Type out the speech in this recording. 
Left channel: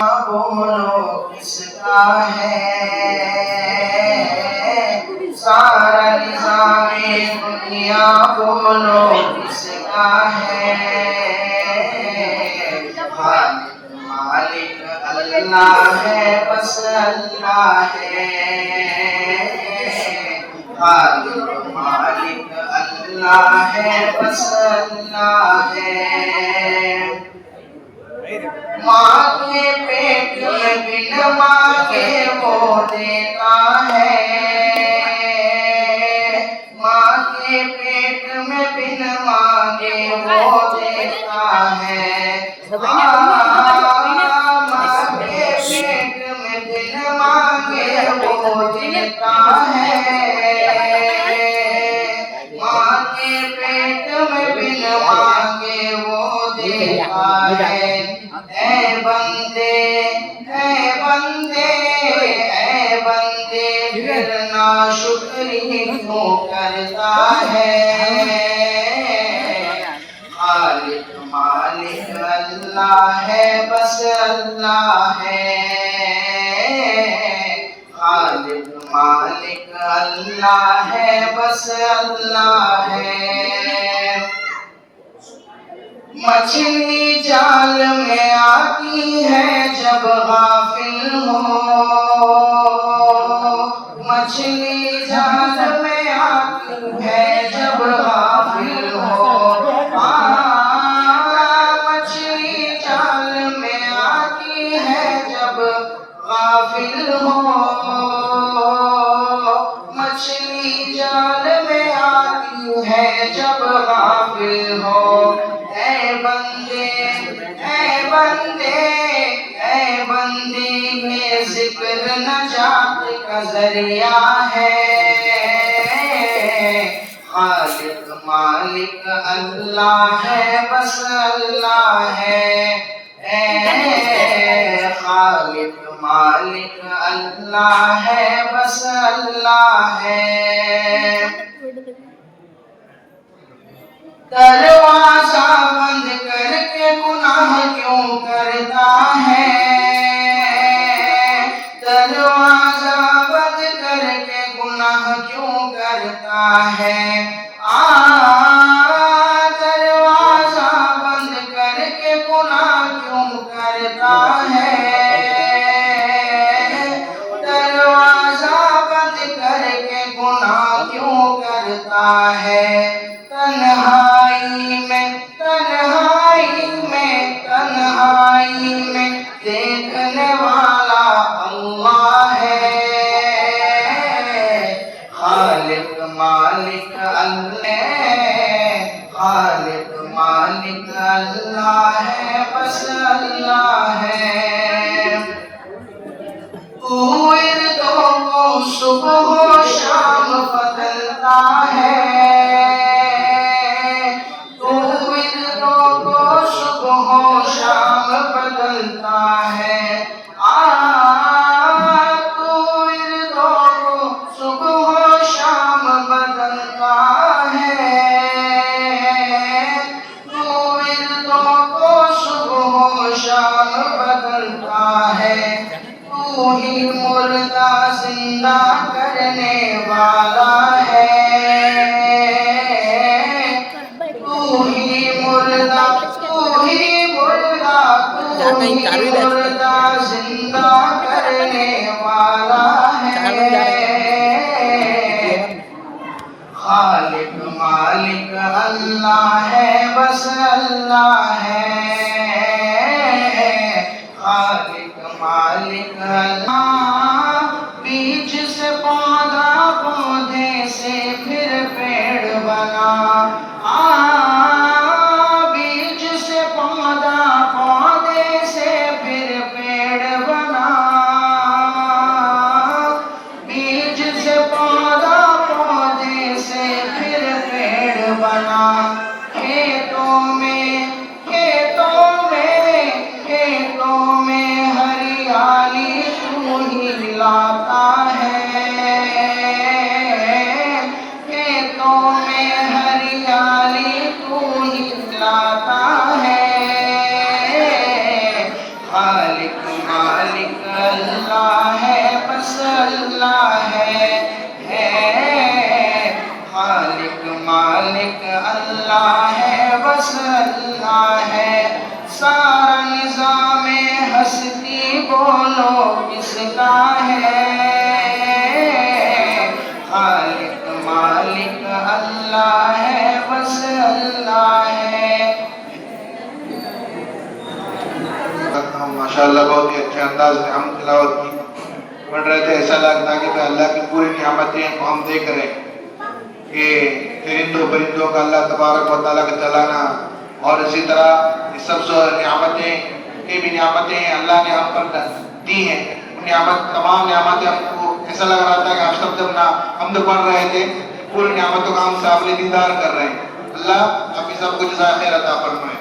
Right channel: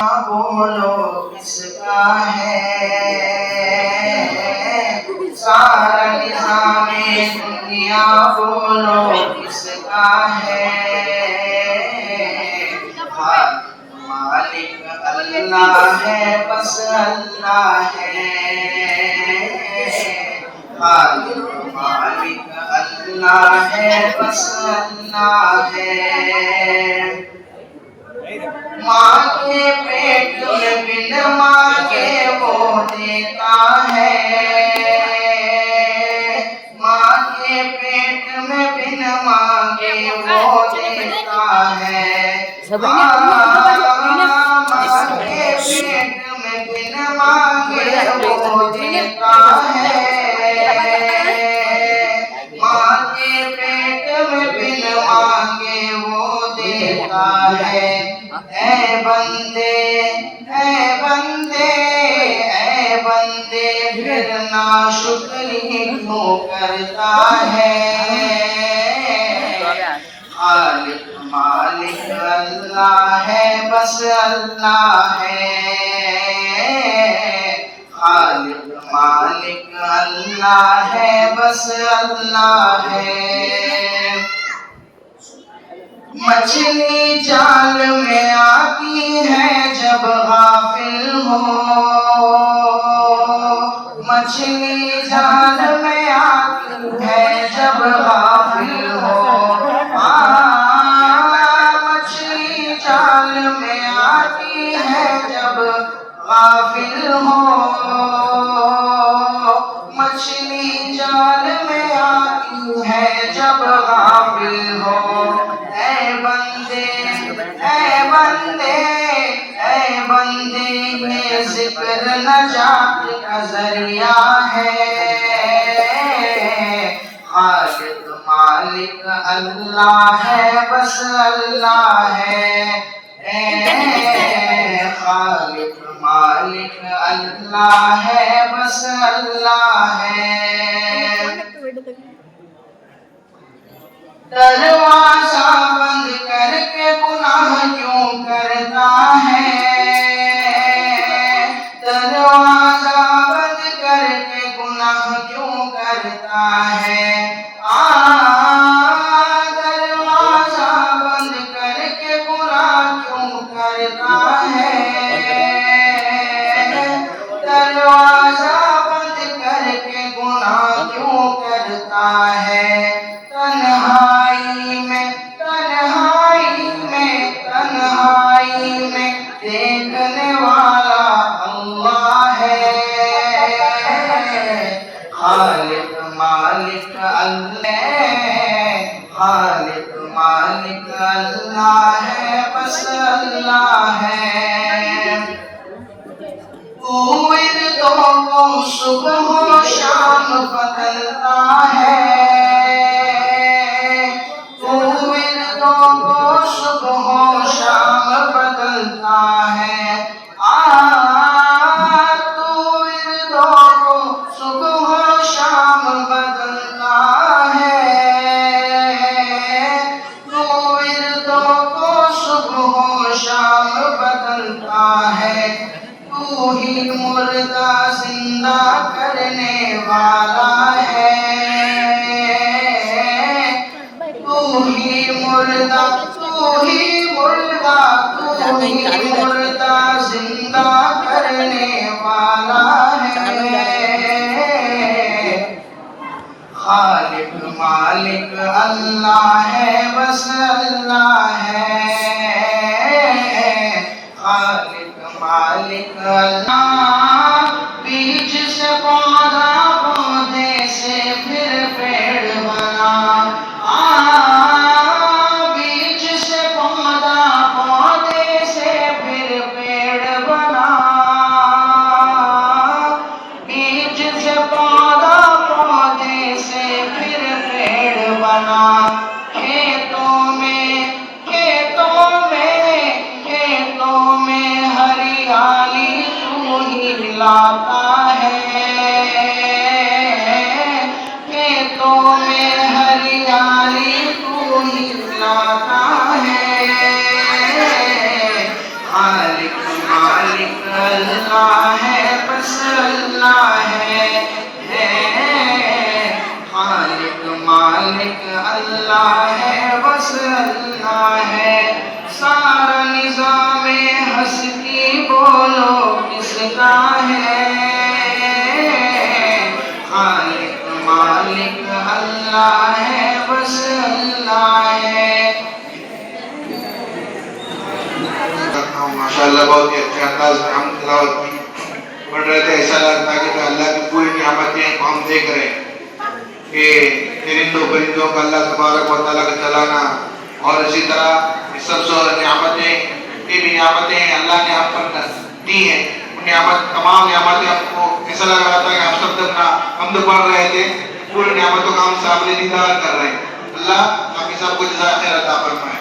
बोलो किसका है, सारा निज़ामे दुनिया बोलो किसका है। मालिक अल्लाह है, बस अल्लाह है। मालिक अल्लाह है, बस अल्लाह है। माँ के पेट में बिन मांगे वो देता है, माँ के पेट में बिन मांगे वो देता है। माँ के पेट में बिन मांगे वो देता है, माँ के पेट में बिन मांगे वो देता है। ऐ बंदे ऐ बंदे ऐ बंदे फिर नाशुक्री क्यों करता है। खालिक मालिक अल्लाह है, बस अल्लाह है। खालिक मालिक अल्लाह है, बस अल्लाह है। मछली जाल में आती है जब गाफिल हो, मछली जाल में आती है जब गाफिल हो। मछली जाल में आती है जब गाफिल हो, मछली जाल में आती है जब गाफिल हो। ऐ बंदे ऐ बंदे ऐ बंदे ये जिक्र नजात का जरिया है। खालिक मालिक अल्लाह है, बस अल्लाह है। खालिक मालिक अल्लाह है, बस अल्लाह है। दरवाजा बंद करके गुनाह क्यों करता है, दरवाजा बंद करके गुनाह क्यों करता है। दरवाजा बंद करके गुनाह क्यों करता है, दरवाजा बंद करके गुनाह क्यों करता है। तन्हाई में देखने वाला अल्लाह है। खालिक मालिक अल्लाह, खालिक मालिक अल्लाह है, बस अल्लाह है। तू इर्दों को सुबह शाम बदलता है, सुबह शाम बदलता है। तू इर्दों को सुबह शाम बदलता है, तू इर्दों को सुबह शाम बदलता है। तू ही मुर्दा जिंदा करने वाला है, तू ही मुर्दा जिंदा करने वाला है। खालिक मालिक अल्लाह है, बस अल्लाह है। खालिक मालिक अल्लाह। बीज से पौधा, पौधे से फिर पेड़ बना। बीज से पौधा, पौधे से फिर पेड़ बना। बीज से पौधा, पौधे से फिर पेड़ बना। खेतों में हरियाली तू ही लाता है, खेतों में हरियाली तू ही लाता है। खालिक मालिक अल्लाह है, बस अल्लाह है। खालिक मालिक अल्लाह है, बस अल्लाह है। सारा निज़ामे हस्ती बोलो किसका है? खालिक मालिक अल्लाह है, बस अल्लाह है। माशाअल्लाह बहुत ही अच्छे अंदाज में हम तिलावत की पढ़ रहे थे। ऐसा लगता है कि अल्लाह की पूरी नियामतें हम देख रहे हैं कि परिंदों परिंदों का अल्लाह तबारक व तआला का चलाना, और इसी तरह इस सब नियामतें की भी नियामतें अल्लाह ने हम पर दी हैं। उन नियामत तमाम नियामतें हमको ऐसा लग रहा था कि हम सब जब ना हम तो पढ़ रहे थे पूरी नियामतों का हम सामने दीदार कर रहे हैं। अल्लाह आप सबको जज़ाए खैर अता फरमाए।